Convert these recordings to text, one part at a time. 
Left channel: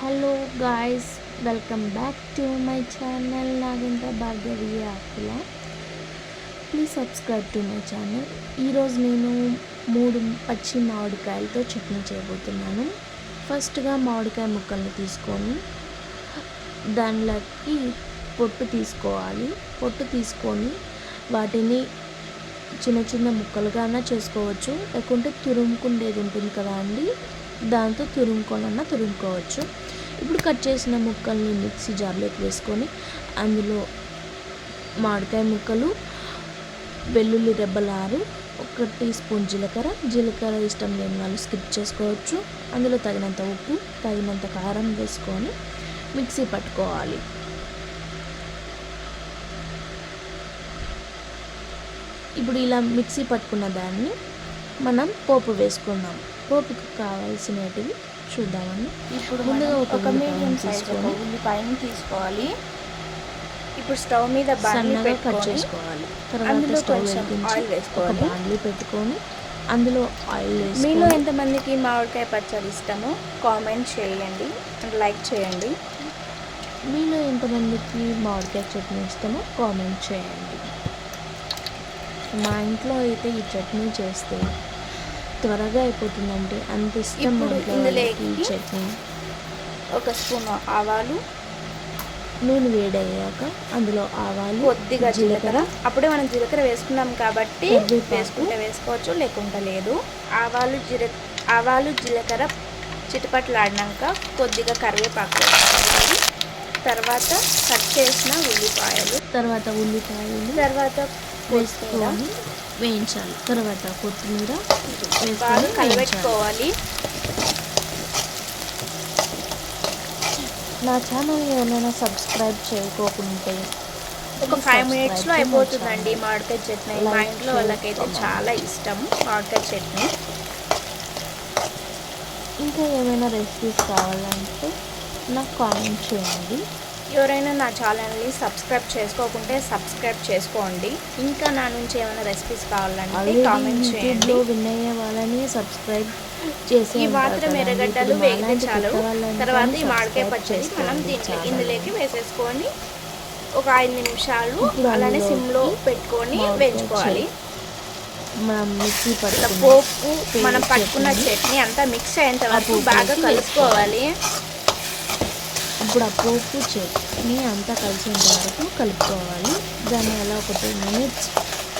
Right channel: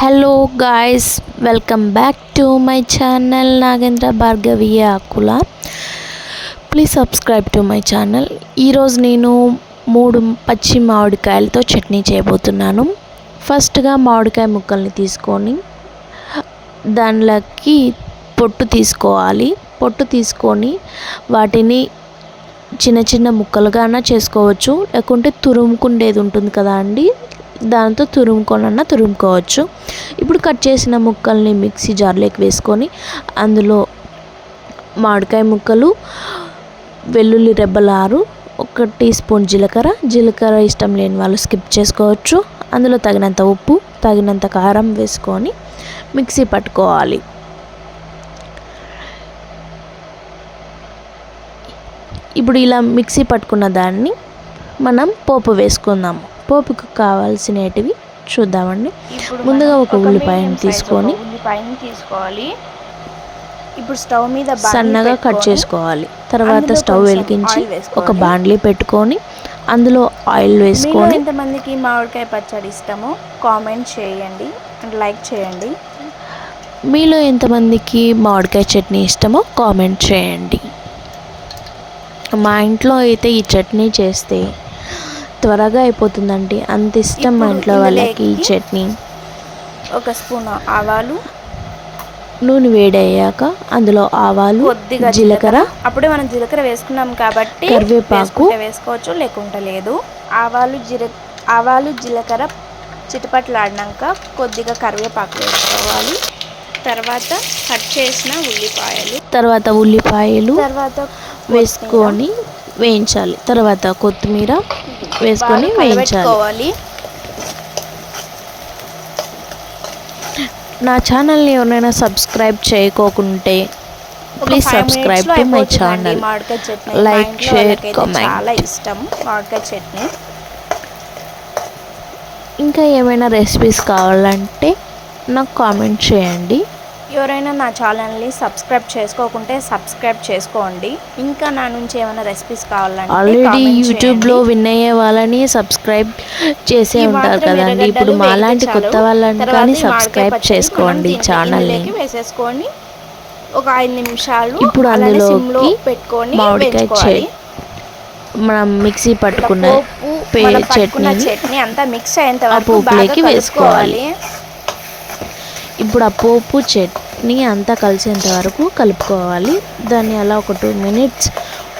Hello guys welcome back to my channel Nagendra Bhargaviya Akula please subscribe to my channel ఈరోజు నేను మూడు పచ్చి మామిడికాయలతో చట్నీ చేయబోతున్నాను. ఫస్ట్గా మామిడికాయ ముక్కల్ని తీసుకొని దానిలోకి పొట్టు తీసుకోవాలి. పొట్టు తీసుకొని వాటిని చిన్న చిన్న ముక్కలుగానా చేసుకోవచ్చు. లేకుంటే తురుముకుండేది ఉంటుంది కదా అండి? దాంతో తురుముకోనన్నా తురుముకోవచ్చు. ఇప్పుడు కట్ చేసిన ముక్కల్ని మిక్సీ జార్లోకి వేసుకొని అందులో మామిడికాయ ముక్కలు వెల్లుల్లి రెబ్బలారు ఒక టీ స్పూన్ జీలకర్ర. జీలకర్ర ఇష్టం లేని వాళ్ళు స్కిప్ చేసుకోవచ్చు. అందులో తగినంత ఉప్పు తగినంత కారం వేసుకొని మిక్సీ పట్టుకోవాలి. ఇప్పుడు ఇలా మిక్సీ పట్టుకున్న దాన్ని మనం పోపు వేసుకుందాం. పోపుకు కావాల్సినటివి చూద్దామండి. ఇప్పుడు ముందుగా ఒక ఉల్లిపాయను తీసుకొని ఉల్లిపాయని తీసుకోవాలి. ఇప్పుడు స్టవ్ మీద సన్నగా కట్ చేసుకోవాలి. తర్వాత స్టవ్ వెలిగించి. ఒక బాండ్లీ పెట్టుకొని అందులో ఆయిల్ వేసుకొని ఎంతమందికి మామిడికాయ పచ్చడి ఇష్టమో కామెంట్ చేయండి. అండ్ లైక్ చేయండి. మీలో ఎంతమందికి మామిడికాయ చట్నీ ఇష్టమో కామెంట్ చేయండి. మా ఇంట్లో అయితే ఈ చట్నీ చేస్తే త్వరగా అయిపోతుందండి. అంత ఇష్టం మా ఇంట్లో వాళ్ళకి ఈ చట్నీ. ఒక స్పూన్ ఆవాలు. నూనె వేడయ్యాక అందులో ఆవాలు కొద్దిగా జీలకర్ర. అప్పుడే మనం జీలకర్ర వేసుకున్నాం కాబట్టి కరివేపాకు. వేసుకోవచ్చు లేకుంటే లేదు. ఆవాలు జీర ఆవాలు జీలకర్ర చిటపట్లాడినాక కొద్దిగా కరివేపాకు వేసుకోవాలి. తర్వాత కట్ చేసిన ఉల్లిపాయలు. తర్వాత ఉల్లిపాయలు తర్వాత వేసుకొని వేయించాలి. తర్వాత కొత్తిమీర వేసుకొని వేయించాలి. నా ఛానల్ని ఎవరైనా subscribe చేయకోకుంటే please subscribe to my channel. share, వాళ్ళకైతే comment. చాలా ఇష్టం మామిడికాయ చట్నీ. ఇంకా ఏమైనా రెసిపీస్ కావాలంటే నాకు కామెంట్ చేయండి. ఎవరైనా నా ఛానల్ని సబ్స్క్రైబ్ చేసుకోకుంటే సబ్స్క్రైబ్ చేసుకోండి. ఇంకా నా నుంచి ఏమైనా రెసిపీస్ కావాలంటే ఆల్రెడీ యూట్యూబ్లో. విన్ అయ్యే వాళ్ళని సబ్స్క్రైబ్ చేసే ఉంటారు కదండి. ఇప్పుడు మాలాంటి. కొత్త వాళ్ళని కానీ సబ్స్క్రైబ్ చేసుకోండి ఛానల్ని. వేసేసుకొని ఒక ఐదు నిమిషాలు ఇప్పుడు అందులోకి సిమ్లో పెట్టుకొని వేయించుకోవాలి. మనం మిక్సీ పట్టుకున్న పట్టుకున్న చట్నీ అంతా మిక్స్ అయ్యేంత వరకు బాగా కలుపుకోవాలి. ఇప్పుడు ఆ పోపు చట్నీ అంతా కలిసేంత వరకు కలుపుకోవాలి. దాన్ని అలా ఒక టూ మినిట్స్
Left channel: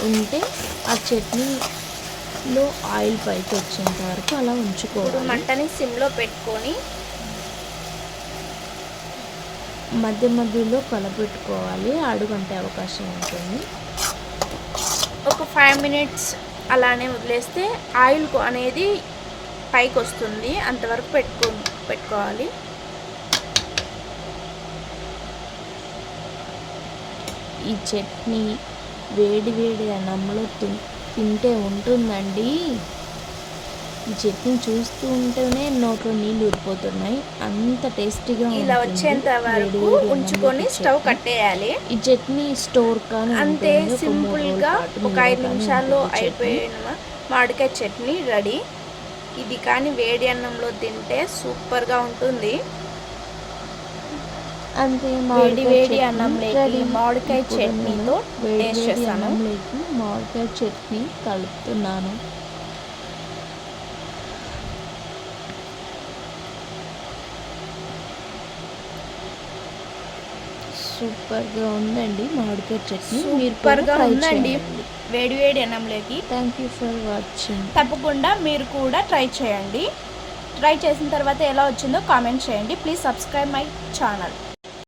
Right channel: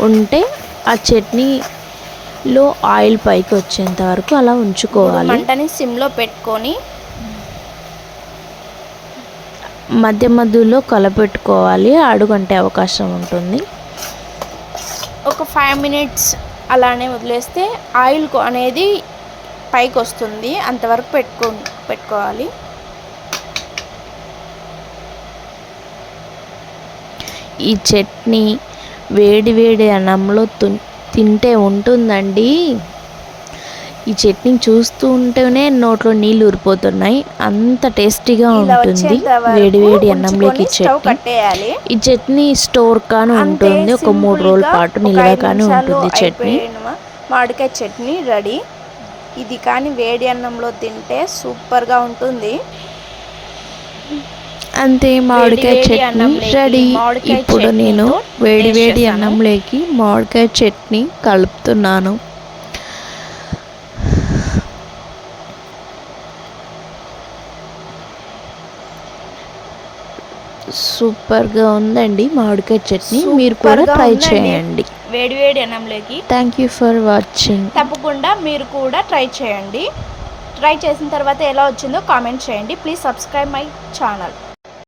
ఉంటే ఆ చట్నీలో ఆయిల్ పైకి వచ్చేంత వరకు అలా ఉంచుకోవాలి. మంటని సిమ్లో పెట్టుకొని మధ్య మధ్యలో కలపెట్టుకోవాలి. అడుగంటే అవకాశం ఉంటుంది. ఒక ఫైవ్ మినిట్స్ అలానే వదిలేస్తే ఆయిల్ అనేది పైకి వస్తుంది. అంతవరకు పెట్టుకో పెట్టుకోవాలి. ఈ చట్నీ వేడి వేడి అన్నంలో తింటే ఉంటుందండి. ఈ చట్నీ చూస్తూ ఉంటేనే నోట్లో నీళ్ళు ఊరిపోతున్నాయి. అంత టేస్టీగా ఉంటుంది వేడి వేడి అన్నంలోకి చట్నీ. ఈ చట్నీ స్టోర్ కానీ ఉంటుంది. ఒక మూడు రోజుల పాటు నిల్వ కానీ ఉంటుంది చట్నీ. మామిడికాయ చట్నీ రెడీ. ఇది కానీ వేడి అన్నంలో తింటే సూపర్గా ఉంటుంది. అంతే మామిడికాయ చట్నీ రెడీ. ఇప్పుడు నేను వేడి వేడి. అన్నంలోకి మామిడికాయ చట్నీ కలుపుతున్నాను. సూపర్గా ఉందండి మామిడికాయ చట్నీ. మీరు కూడా ట్రై. చేయండి. వేడి వేడి అన్నంలోకి థ్యాంక్ యూ ఫర్ వాచింగ్ తప్పకుండా మీరు కూడా ట్రై చేయండి. ట్రై చేసిన తర్వాత ఎలా వచ్చిందో కామెంట్ చేయండి. Please subscribe my channel